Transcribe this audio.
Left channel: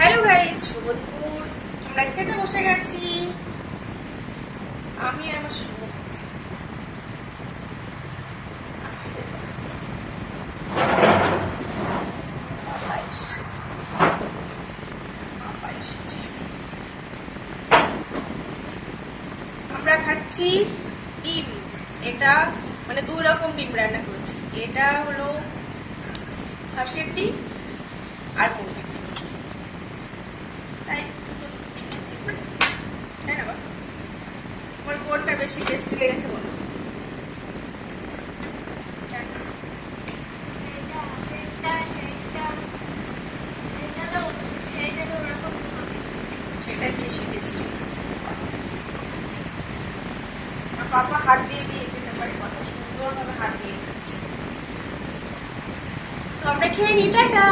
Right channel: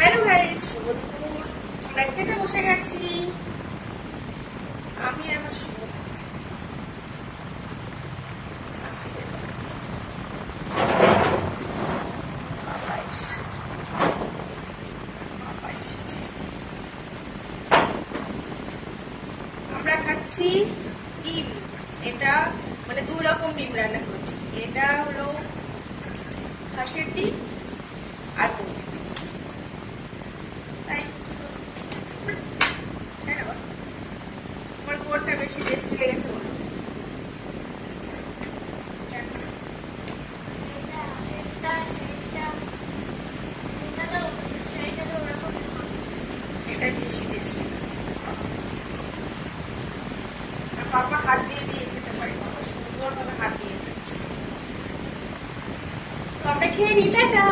Hello guys, শুভ দুপুর। আমরা খেতে বসে গেছি। আমি আর আমার শুভ খাচ্ছি। আমরা খাচ্ছি ডিম। এটা মানে 2 রকম ডিম রান্না করেছি। এটা হলো হাঁসের ডিম আর মুরগির ডিম। তাই না বাবা? তোমার কোনটা বেশি টেস্টি লেগেছে বলো? সেটা বেশি টেস্টি। পাপা হাত দিয়ে দিয়ে খেতে পারে, কত সুন্দর ভাবে হাত দিয়ে দিচ্ছে। তো আমরা খেয়ে নি, টাটা।